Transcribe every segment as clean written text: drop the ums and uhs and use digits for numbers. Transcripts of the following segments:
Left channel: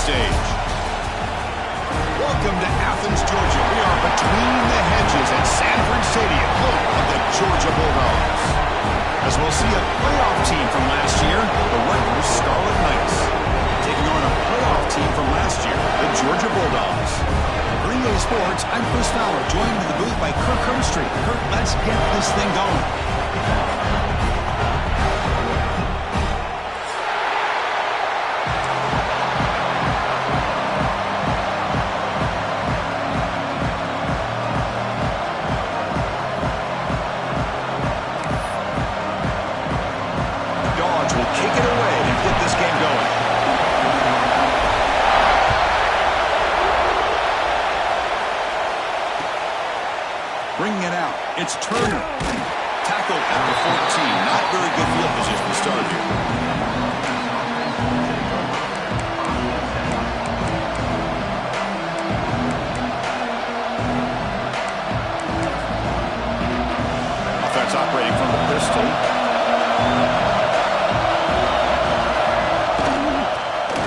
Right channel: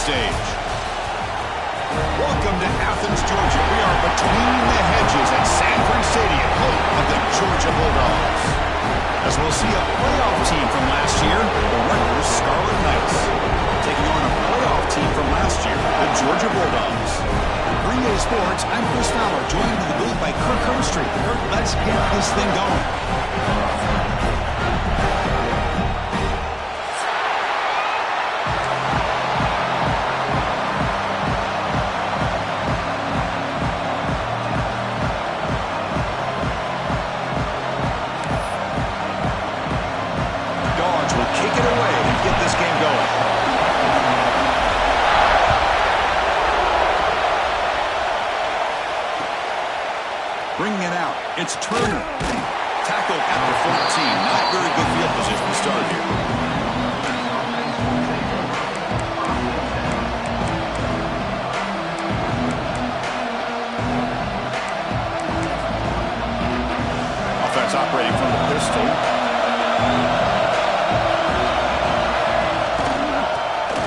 stage. Welcome to Athens, Georgia. We are between the hedges at Sanford Stadium, home of the Georgia Bulldogs. As we'll see a playoff team from last year, the Rutgers Scarlet Knights, taking on a playoff team from last year, the Georgia Bulldogs. For UGA Sports, I'm Chris Fowler, joined in the booth by Kirk Hermstreet. Kirk, let's get this thing going. Will kick it away and get this game going. Bringing it out, it's Turner. Tackled at the 14. Not very good field position to start here. Offense operating from the pistol.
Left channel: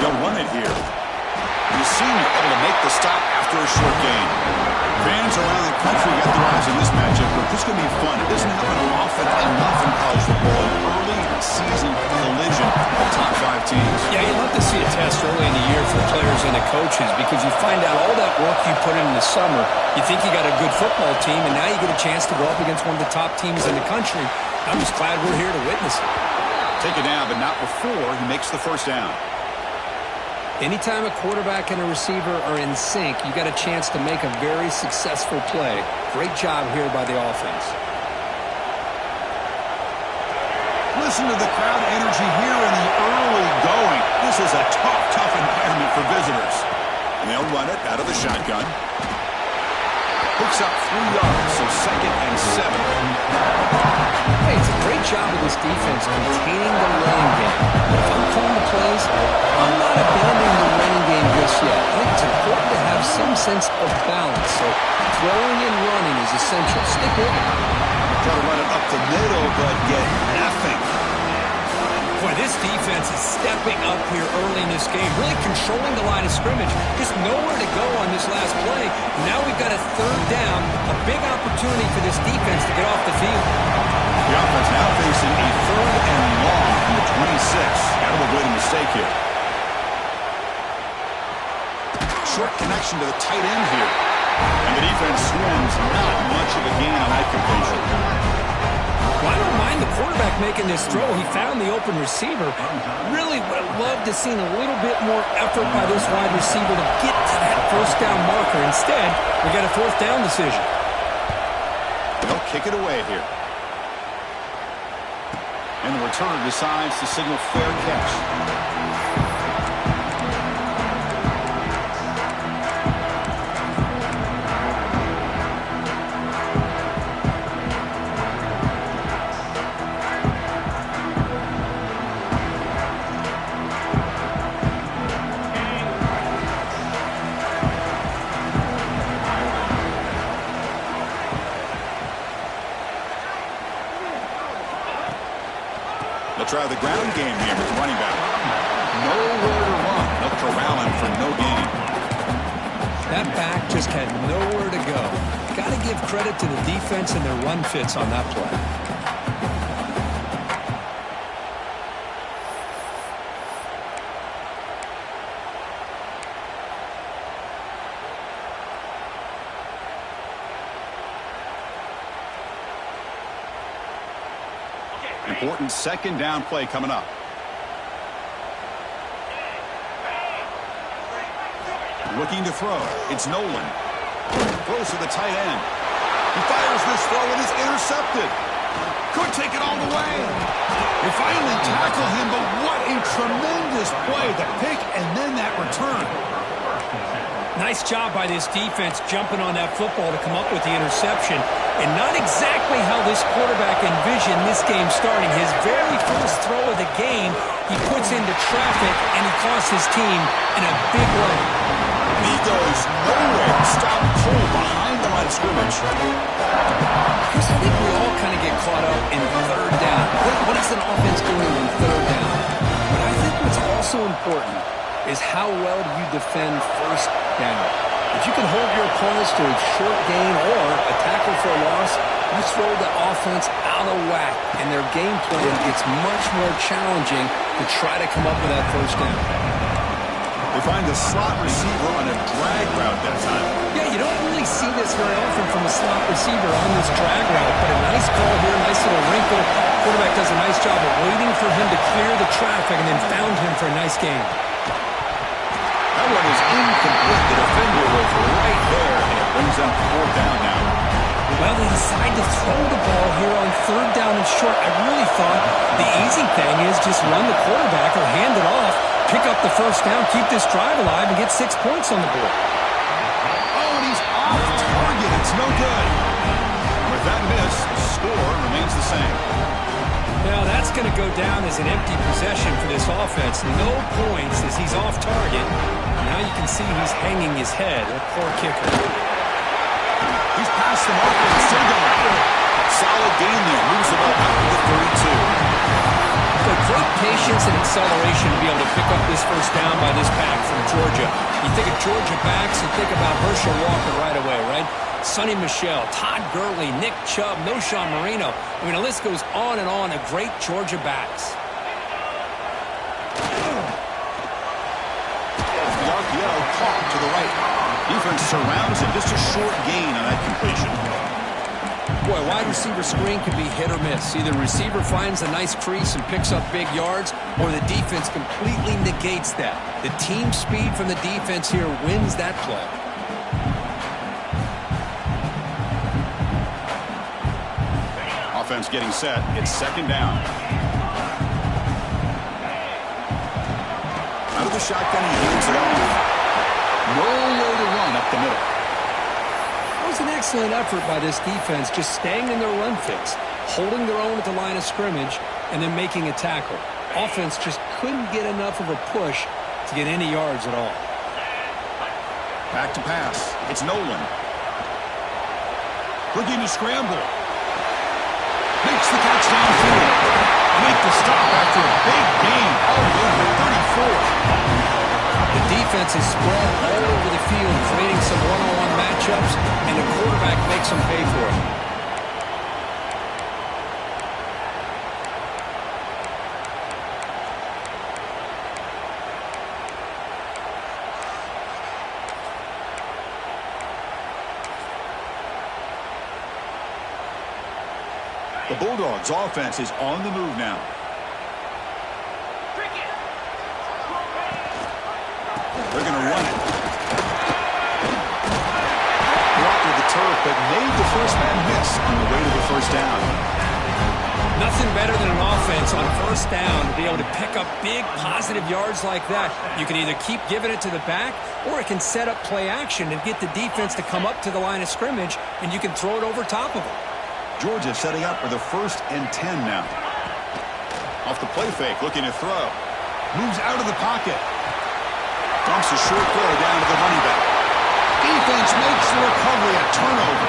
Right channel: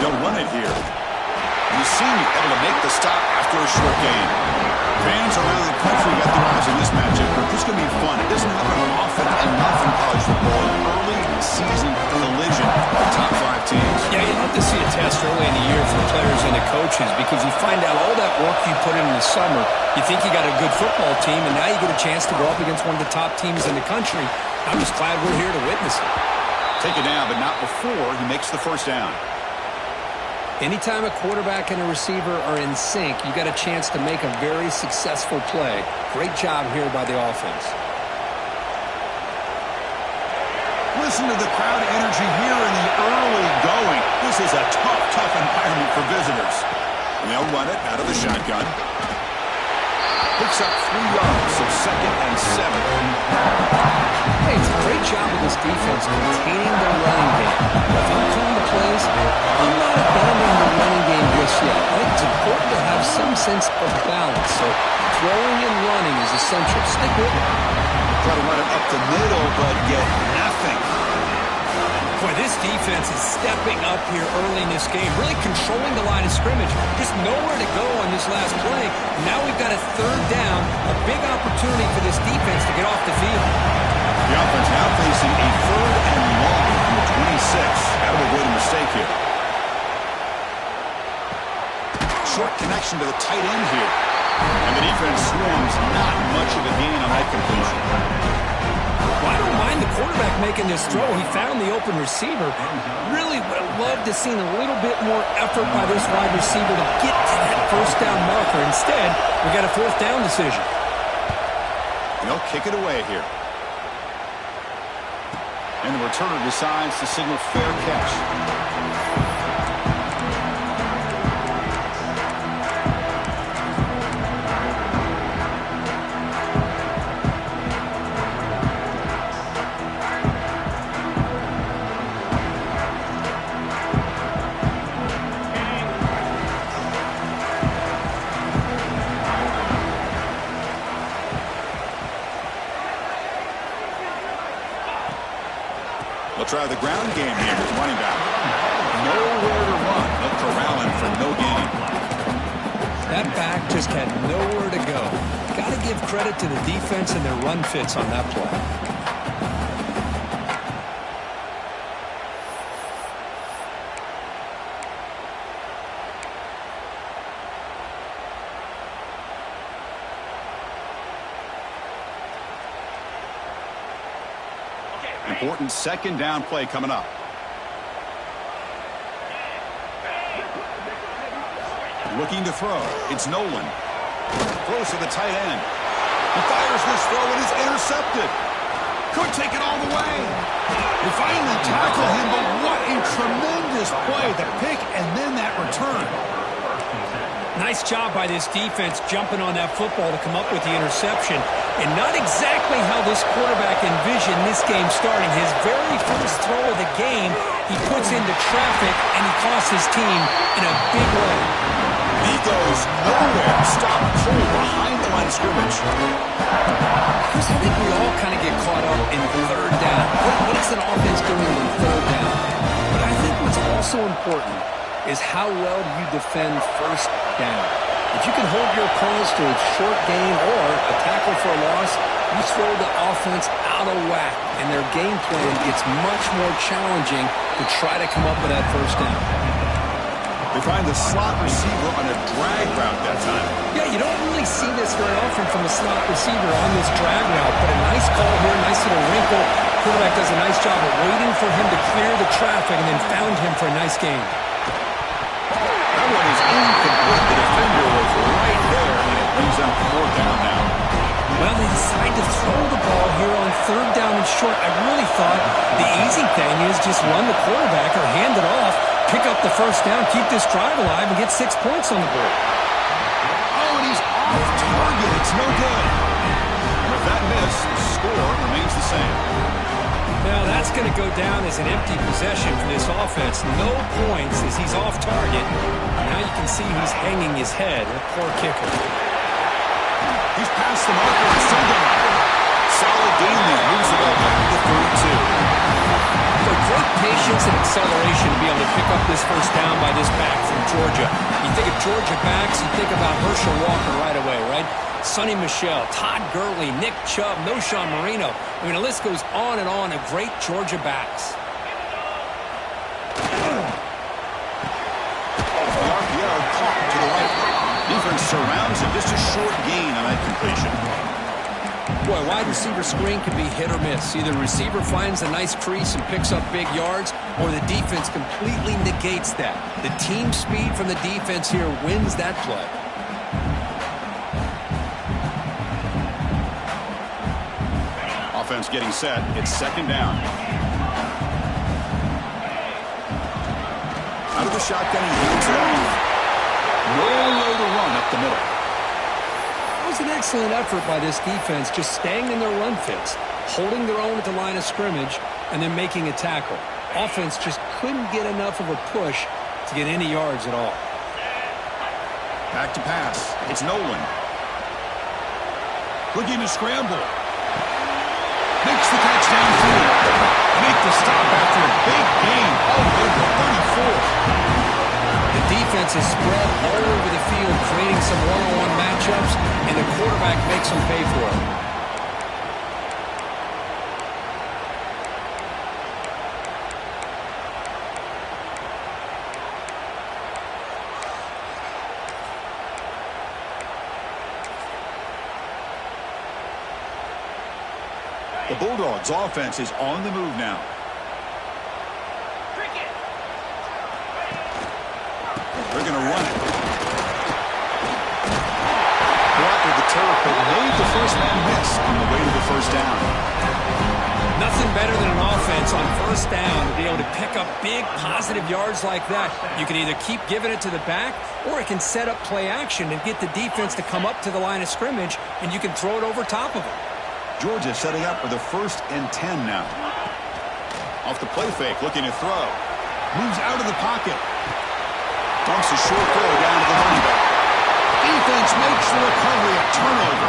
They'll run it here. You seem able to make the stop after a short gain. Fans around the country got their eyes on this matchup, but this is going to be fun. It doesn't happen often enough in college football. An early season collision of top 5 teams. Yeah, you'd love to see a test early in the year for the players and the coaches because you find out all that work you put in the summer. You think you got a good football team, and now you get a chance to go up against one of the top teams in the country. I'm just glad we're here to witness it. Take it down, but not before he makes the first down. Anytime a quarterback and a receiver are in sync, you got a chance to make a very successful play. Great job here by the offense. Listen to the crowd energy here in the early going. This is a tough environment for visitors. And they'll run it out of the shotgun. Picks up 3 yards, so 2nd and 7. Hey, it's a great job of this defense containing the running game. If I'm calling the plays, I'm not abandoning the running game just yet. I think it's important to have some sense of balance. So throwing and running is essential. Stick with it. Try to run it up the middle, but get nothing. Boy, this defense is stepping up here early in this game, really controlling the line of scrimmage. Just nowhere to go on this last play. Now we've got a 3rd down, a big opportunity for this defense to get off the field. The offense now facing a 3rd and long from the 26. Got to avoid a mistake here. Short connection to the tight end here. And the defense swarms, not much of a gain on that completion. Well, I don't mind the quarterback making this throw. He found the open receiver. Really would have loved to seen a little bit more effort by this wide receiver to get to that 1st down marker. Instead, we got a 4th down decision. They'll kick it away here. And the returner decides to signal fair catch. They'll try the ground game here with running back. Nowhere to run. They'll corral him for no gain. That back just had nowhere to go. Got to give credit to the defense and their run fits on that play. Important 2nd down play coming up. Looking to throw. It's Nolan. Throws to the tight end. He fires this throw and is intercepted. Could take it all the way. They finally tackle him, but what a tremendous play. The pick and then that return. Nice job by this defense jumping on that football to come up with the interception. And not exactly how this quarterback envisioned this game starting. His very first throw of the game, he puts into traffic, and he costs his team in a big way. He goes nowhere. Stop cold behind the line of scrimmage. Chris, I think we all kind of get caught up in 3rd down. What is an offense doing on 3rd down? But I think what's also important is how well do you defend first down. If you can hold your opponents to a short gain or a tackle for a loss, you throw the offense out of whack, and their game plan gets much more challenging to try to come up with that first down. They find the slot receiver on a drag route that time. Yeah, you don't really see this very often from a slot receiver on this drag route, but a nice call here, nice little wrinkle. Quarterback does a nice job of waiting for him to clear the traffic and then found him for a nice gain. That one is incomplete. The defender was right there, and it brings up 4th down now. Well, they decide to throw the ball here on 3rd down and short. I really thought the easy thing is just run the quarterback or hand it off, pick up the first down, keep this drive alive, and get 6 points on the board. Oh, and he's off target. It's no good. With that miss, the score remains the same. Now, that's going to go down as an empty possession for this offense. No points as he's off target. Now you can see he's hanging his head. A poor kicker. He's past the marker and still going. Solid gain there. Moves the ball back to the 32. So great patience and acceleration to be able to pick up this first down by this back from Georgia. You think of Georgia backs, you think about Herschel Walker right away, right? Sonny Michel, Todd Gurley, Nick Chubb, Noshawn Marino. I mean, the list goes on and on of great Georgia backs. The RPO caught to the right. Defense surrounds him. Just a short gain on that completion. Boy, wide receiver screen can be hit or miss. Either the receiver finds a nice crease and picks up big yards, or the defense completely negates that. The team speed from the defense here wins that play. Offense getting set. It's 2nd down. Out of the shotgun, he hands it off. Nowhere to run up the middle. That was an excellent effort by this defense, just staying in their run fits, holding their own at the line of scrimmage, and then making a tackle. Offense just couldn't get enough of a push to get any yards at all. Back to pass. It's Nolan. Looking to scramble. Makes the catch downfield. Make the stop after a big gain all the way to the 34. The defense is spread all over the field, creating some one-on-one matchups, and the quarterback makes them pay for it. The Bulldogs' offense is on the move now. They're going to run it. Blocked the turf, but made the first man miss on the way to the first down. Nothing better than an offense on first down to be able to pick up big positive yards like that. You can either keep giving it to the back, or it can set up play action and get the defense to come up to the line of scrimmage, and you can throw it over top of them. Georgia setting up for the 1st and 10 now. Off the play fake, looking to throw. Moves out of the pocket. Dumps a short throw down to the running back. Defense makes the recovery, a turnover.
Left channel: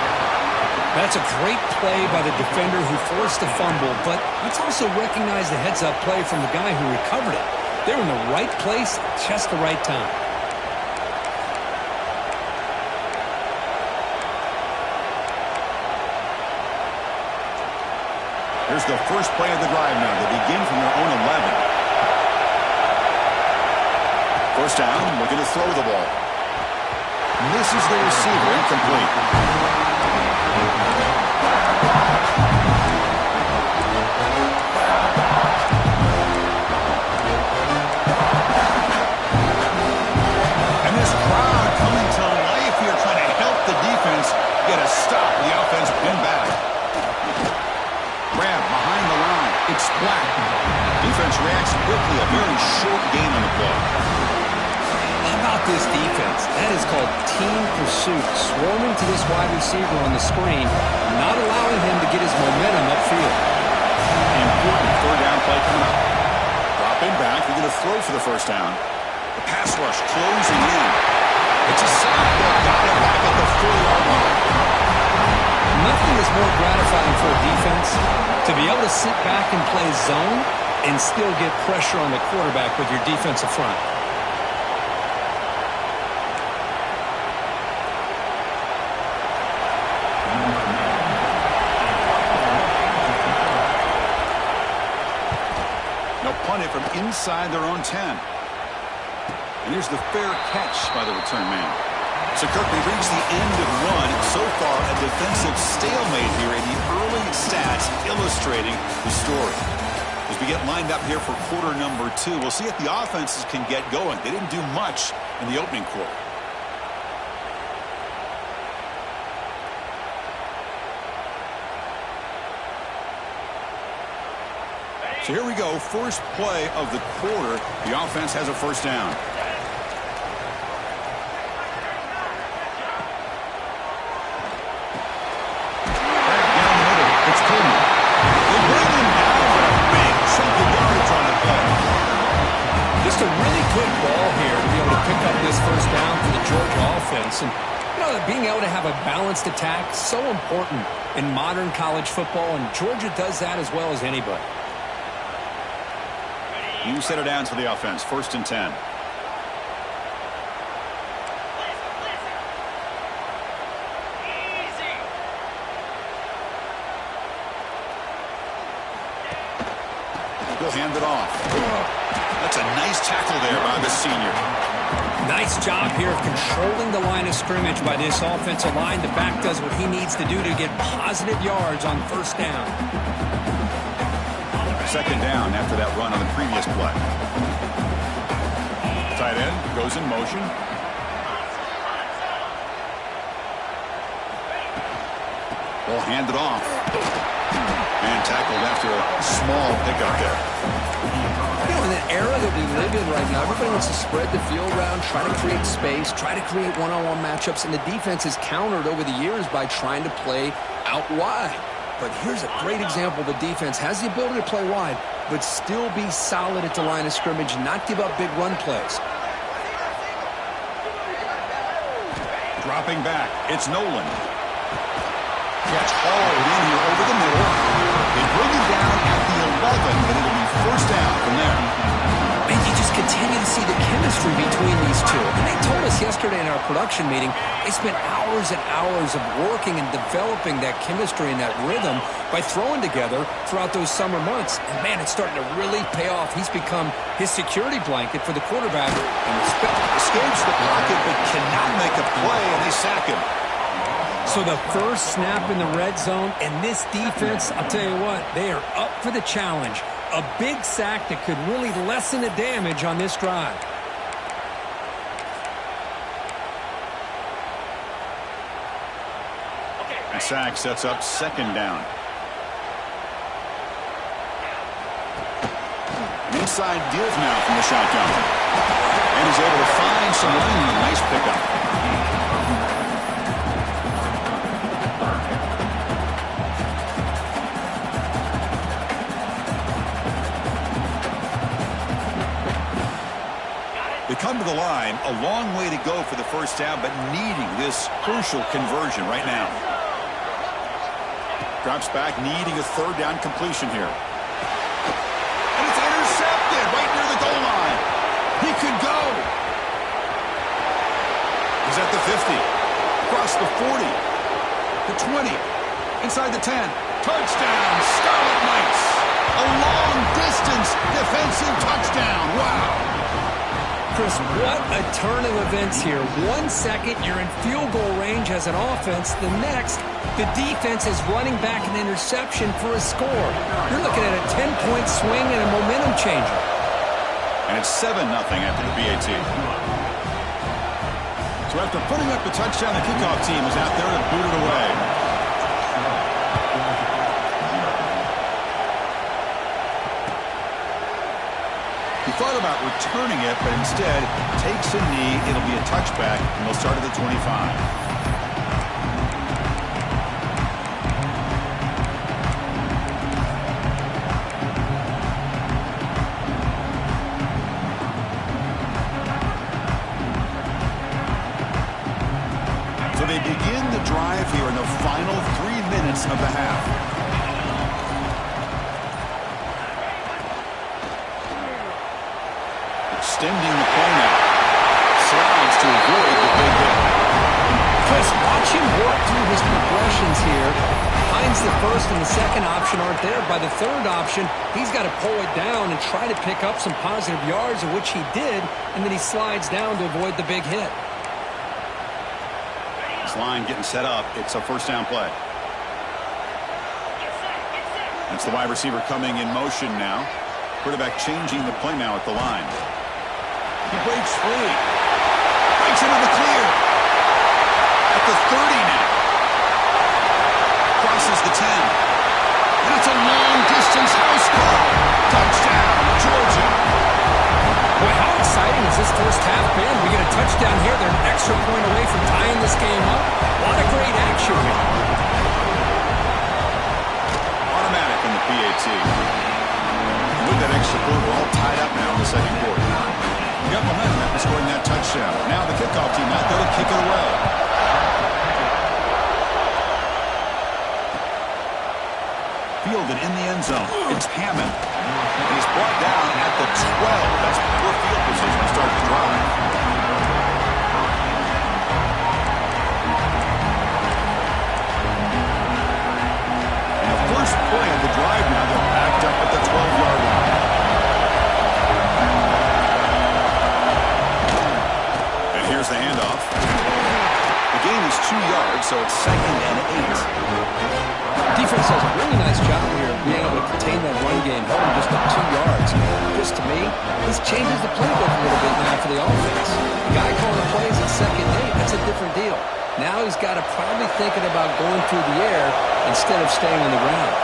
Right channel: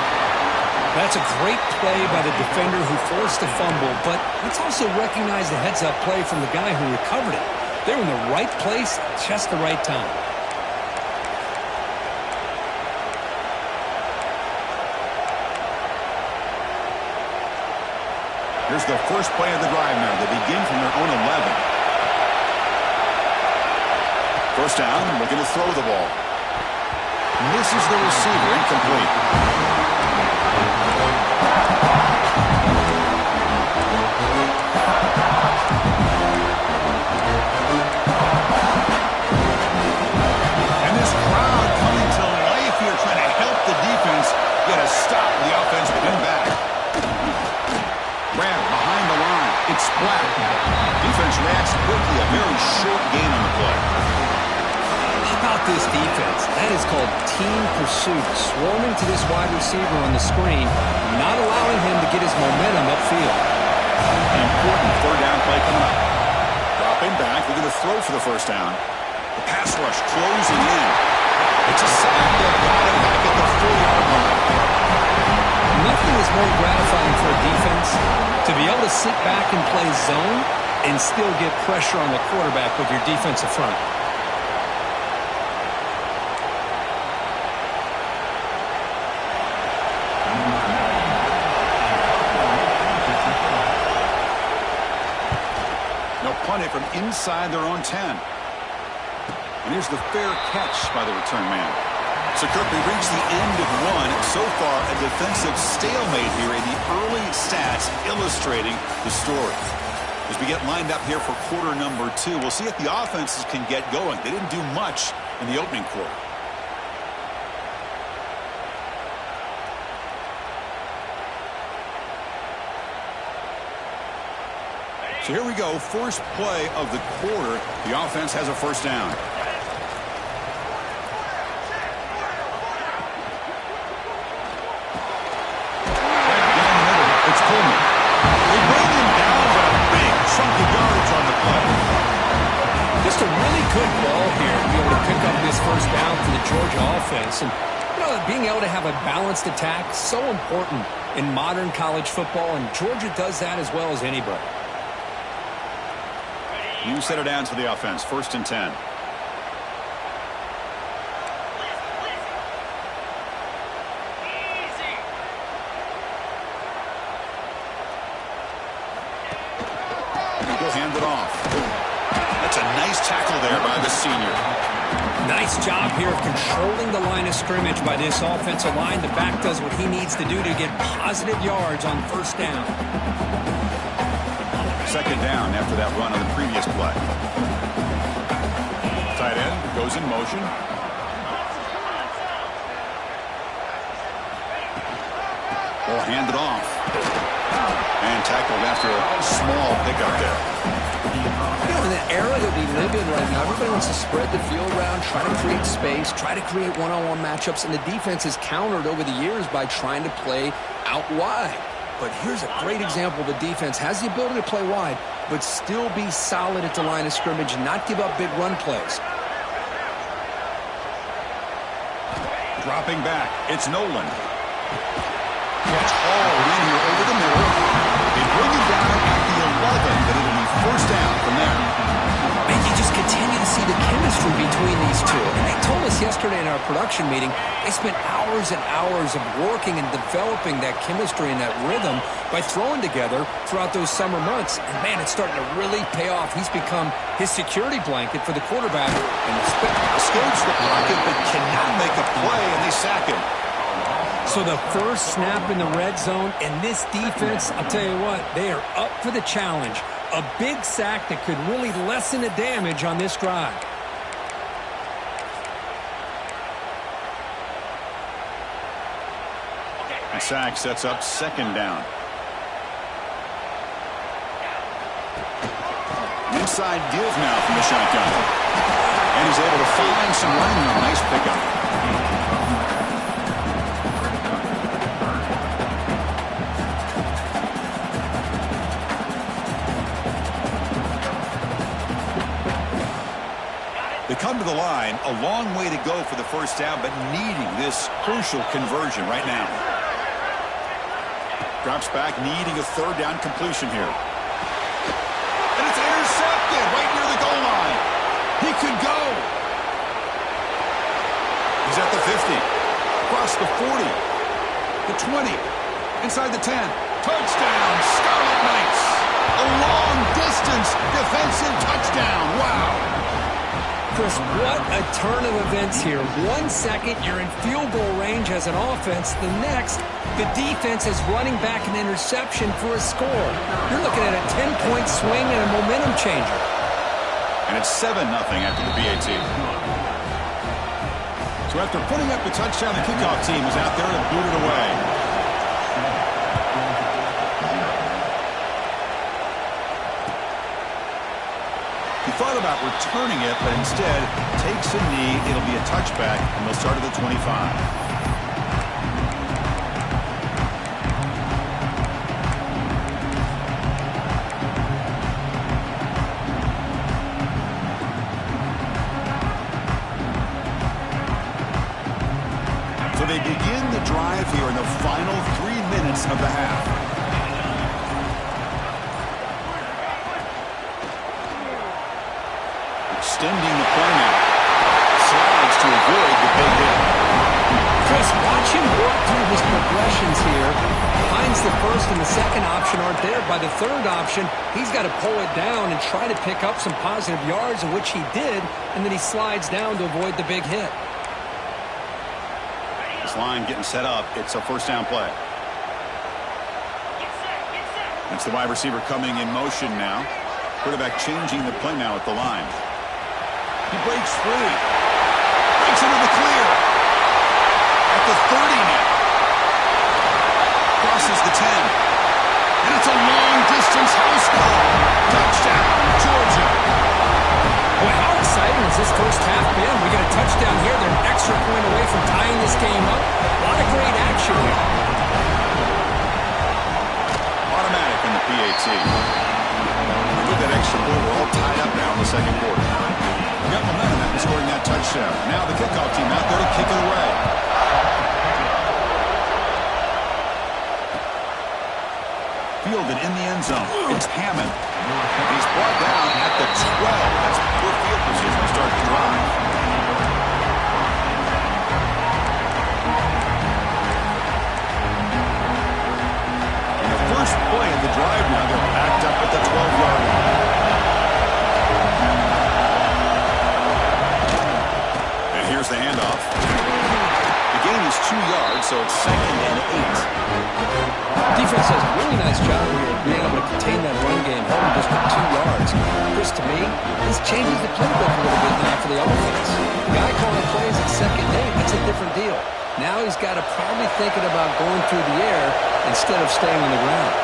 That's a great play by the defender who forced the fumble, but let's also recognize the heads-up play from the guy who recovered it. They were in the right place at just the right time. Here's the first play of the drive now. They begin from their own 11. First down, looking to throw the ball. Misses the receiver, incomplete. And this crowd coming to life here, trying to help the defense get a stop with the offense pinned back. Grab behind the line. It's Black. Defense reacts quickly. A very short gain on the play. How about this defense? That is called team pursuit. Swarming to this wide receiver on the screen, not allowing him to get his momentum upfield. Important 3rd down play coming up. Dropping back. They're going to throw for the first down. The pass rush closing in. It's a sack. They've got it back at the 4-yard line. Nothing is more gratifying for a defense to be able to sit back and play zone and still get pressure on the quarterback with your defensive front. it from inside their own 10. And here's the fair catch by the return man. So, Kirk, we reached the end of one. So far, a defensive stalemate here in the early stats illustrating the story. As we get lined up here for quarter number 2, we'll see if the offenses can get going. They didn't do much in the opening quarter. So here we go, first play of the quarter. The offense has a first down. It's Coleman. They bring him down, but a big chunk of yardage on the play. Just a really good ball here to be able to pick up this first down for the Georgia offense. And, you know, being able to have a balanced attack, so important in modern college football, and Georgia does that as well as anybody. You set it down to the offense, 1st and 10. He'll hand it off. That's a nice tackle there by the senior. Nice job here of controlling the line of scrimmage by this offensive line. The back does what he needs to do to get positive yards on first down. 2nd down after that run on the previous play. Tight end goes in motion. Ball handed off. And tackled after a small pickup there. You know, in the era that we live in right now, everybody wants to spread the field around, try to create space, try to create one-on-one matchups, and the defense has countered over the years by trying to play out wide. But here's a great example. The defense has the ability to play wide, but still be solid at the line of scrimmage and not give up big run plays. Dropping back, it's Nolan. Gets hauled in here over the middle. They bring him down at the 11, but it'll be first down from there. Man, you just continue to see the chemistry between these two. And they told us yesterday in our production meeting, they spent hours and hours of working and developing that chemistry and that rhythm by throwing together throughout those summer months. And, man, it's starting to really pay off. He's become his security blanket for the quarterback. And escapes the pocket but cannot make a play, and they sack him. So the first snap in the red zone, and this defense, I'll tell you what, they are up for the challenge. A big sack that could really lessen the damage on this drive. The sack sets up 2nd down. Inside deals now from the shotgun. And he's able to find some running room. Nice pickup. They come to the line, a long way to go for the first down, but needing this crucial conversion right now. Drops back, needing a 3rd down completion here. And it's intercepted right near the goal line. He could go. He's at the 50, across the 40, the 20, inside the 10. Touchdown, Scarlet Knights. A long-distance defensive touchdown. Wow. Chris, what a turn of events here. 1 second, you're in field goal range as an offense. The next, the defense is running back an interception for a score. You're looking at a 10-point swing and a momentum changer. And it's 7-0 after the BAT. So after putting up the touchdown, the kickoff team was out there to boot it away. He thought about returning it, but instead takes a knee. It'll be a touchback, and they'll start at the 25. So they begin the drive here in the final 3 minutes of the half. Extending the play now. Slides to avoid the big hit. Chris, watch him work through his progressions here. Finds the first and the second option aren't there. By the third option, he's got to pull it down and try to pick up some positive yards, of which he did, and then he slides down to avoid the big hit. This line getting set up. It's a first down play. That's the wide receiver coming in motion now. Quarterback changing the play now at the line. He breaks free. Breaks into the clear. At the 30 now. Crosses the 10. And it's a long-distance house call. Touchdown, Georgia. Boy, how exciting has this first half been? We get a touchdown here. They're an extra point away from tying this game up. A lot of great action here. Automatic on the PAT. And with that extra point, we're all tied up now in the second quarter. We got momentum after scoring that touchdown. Now the kickoff team out there to kick it away. Fielded in the end zone. It's Hammond. And he's brought down at the 12. That's poor field position to start the drive. And the first play of the drive now, they're backed up at the 12-yard line. And here's the handoff. The gain is 2 yards, so it's 2nd and 8. Defense does a really nice job here of being able to contain that run game, held him just to 2 yards. Just to me, this changes the playbook a little bit now for the offense. The guy calling the plays at 2nd and 8, that's a different deal. Now he's got to probably thinking about going through the air instead of staying on the ground.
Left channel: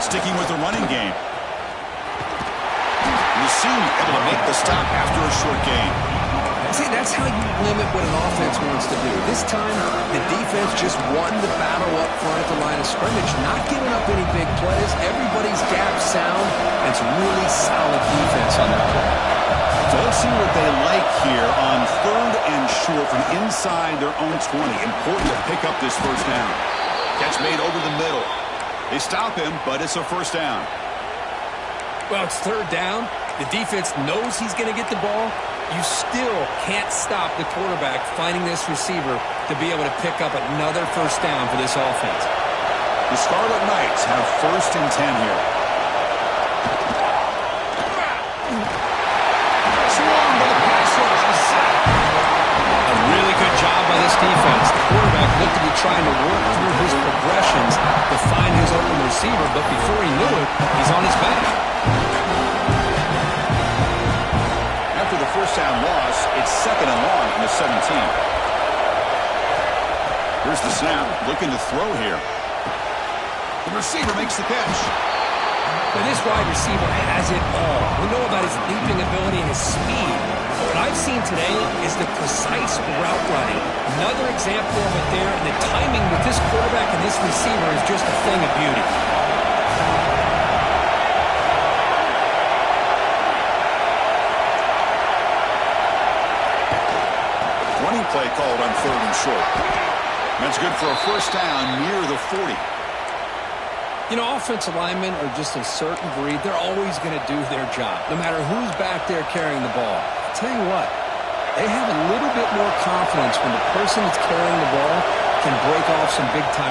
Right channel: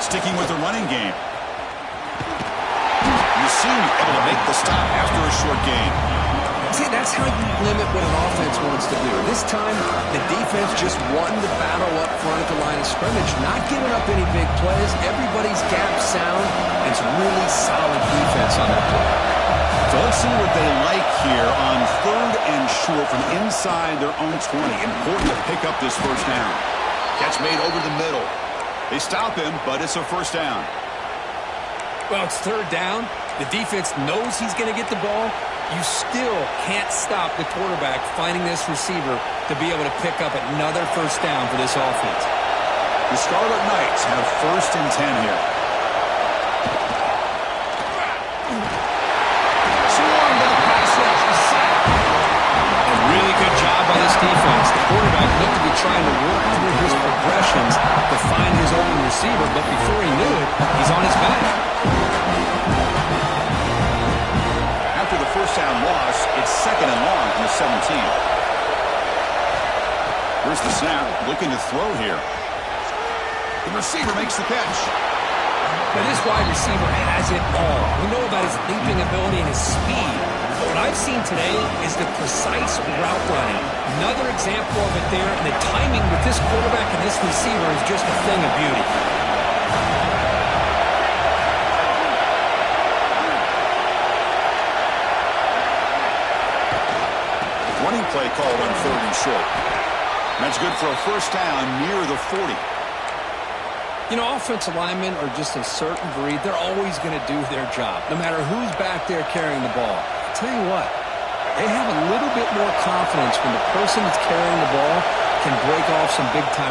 Sticking with the running game. You see him able to make the stop after a short gain. See, that's how you limit what an offense wants to do. This time, the defense just won the battle up front at the line of scrimmage, not giving up any big plays. Everybody's gap sound, and it's really solid defense on that play. So let's see what they like here on 3rd and short from inside their own 20. Important to pick up this first down. Catch made over the middle. They stop him, but it's a first down. Well, it's 3rd down. The defense knows he's going to get the ball. You still can't stop the quarterback finding this receiver to be able to pick up another first down for this offense. The Scarlet Knights have 1st and 10 here. Swarmed by the pass rush. A sack. A really good job by this defense. The quarterback looked to be trying to work through his progressions to find his open receiver, but before he knew it, he's on his back. After the first down loss, it's 2nd and long from the 17. Here's the snap, looking to throw here. The receiver makes the catch. Now this wide receiver has it all. We know about his leaping ability and his speed. But what I've seen today is the precise route running. Another example of it there, and the timing with this quarterback and this receiver is just a thing of beauty. Running play called on 3rd and short. That's good for a first down near the 40. You know, offensive linemen are just a certain breed. They're always going to do their job, no matter who's back there carrying the ball. I'll tell you what, they have a little bit more confidence when the person that's carrying the ball can break off some big-time